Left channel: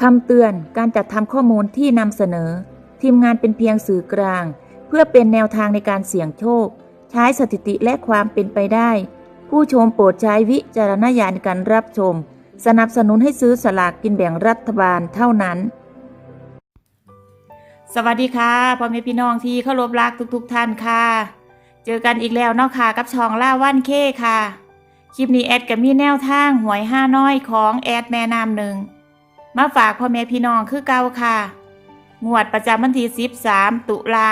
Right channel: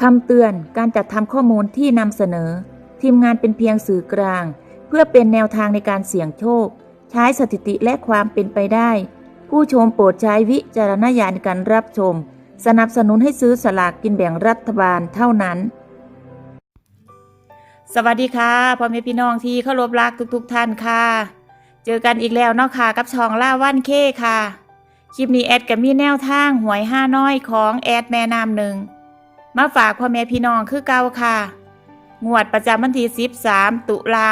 คำเตือนการจัดทำข้อมูลที่นำเสนอ ทีมงานเป็นเพียงสื่อกลาง เพื่อเป็นแนวทางในการเสี่ยงโชค ใช้สถิติและความเป็นไปได้ ผู้ชมโปรดใช้วิจารณญาณในการรับชม สนับสนุนให้ซื้อสลากกินแบ่งรัฐบาลเท่านั้น สวัสดีค่ะพ่อแม่พี่น้องที่เคารพรักทุกๆทท่านค่ะ เจอกันอีกแล้วเนาะค่ะกับช่องล่าว่านเคค่ะคลิปนี้แอดกับมีแนวทางหวยห้าน้อยของแอดแม่น้ำหนึ่ง มาฝากพ่อแม่พี่น้องคือเก่าค่ะ งวดประจำวันที่ 13 ตุลา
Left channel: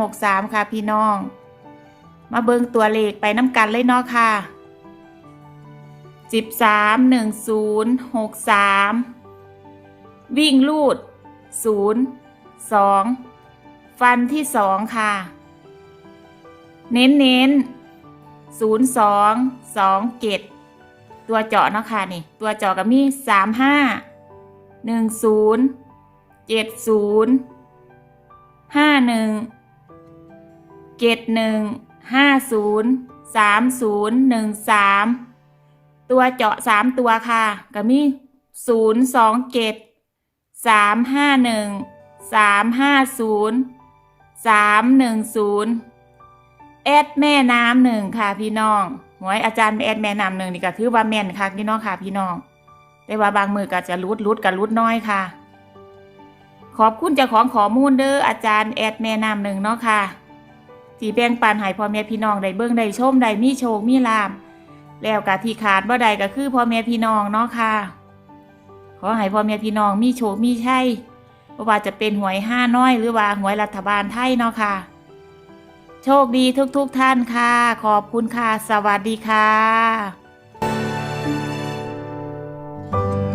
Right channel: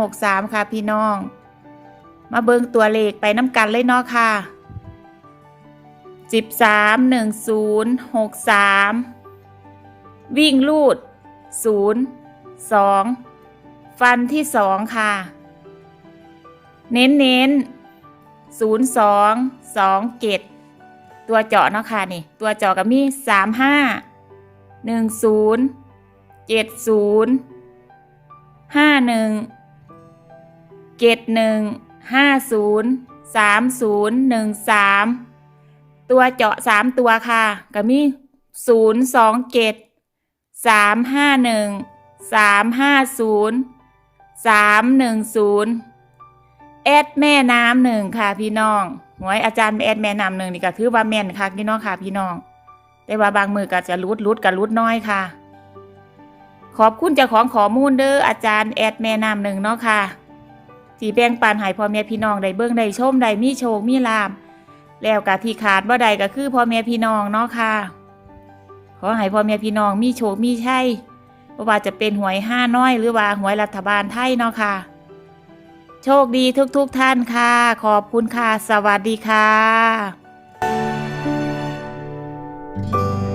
2563 ค่ะพี่น้อง มาเบิ่งตัวเลขไปน้ำกันเลยเนาะค่ะ 13 10 63 วิ่งลูด 0 2 ฟันที่ 2 ค่ะ เน้นเน้นศูนย์สองสองเกตตัวเจาะเนาะค่ะนี่ ตัวเจาะก็มีสาม หนึ่งศูนย์เจ็ดศูนย์ห้าหนึ่งเจ็ดหนึ่งห้าศูนย์สามศูนย์หนึ่งสามตัวเจาะสามตัวค่ะก็มีศูนย์สองเกตสามห้าหนึ่งสามห้าศูนย์สามหนึ่งศูนย์แอดแม่น้ำหนึ่งค่ะพี่น้องหวยอาจารย์แอดแม่น้ำหนึ่งนี่ก็ถือว่าแม่นค่ะพี่น้องค่ะพี่น้อง แต่ว่าบางมือก็จะรุดรุดกับรุดน้อยค่ะ ขอบคุณเจ้าของข้อมูลเด้ออาจารย์แอดแม่น้ำหนึ่งเนาะค่ะที่แบ่งปันให้พ่อแม่พี่น้องได้เบิ่งได้ชมได้มีโชคมีลาบแล้วก็ที่ขาดบ่ได้ก็คือพ่อแม่พี่น้องเนาะค่ะขอให้พ่อแม่พี่น้องมีโชคมีชัยว่าจะเป็นหวยห้าน้อยหรือว่าหวยรัฐบาลไทยเนาะค่ะ โชคดีทุกๆทท่านค่ะ ขอบคุณค่ะ สวัสดีค่ะ Música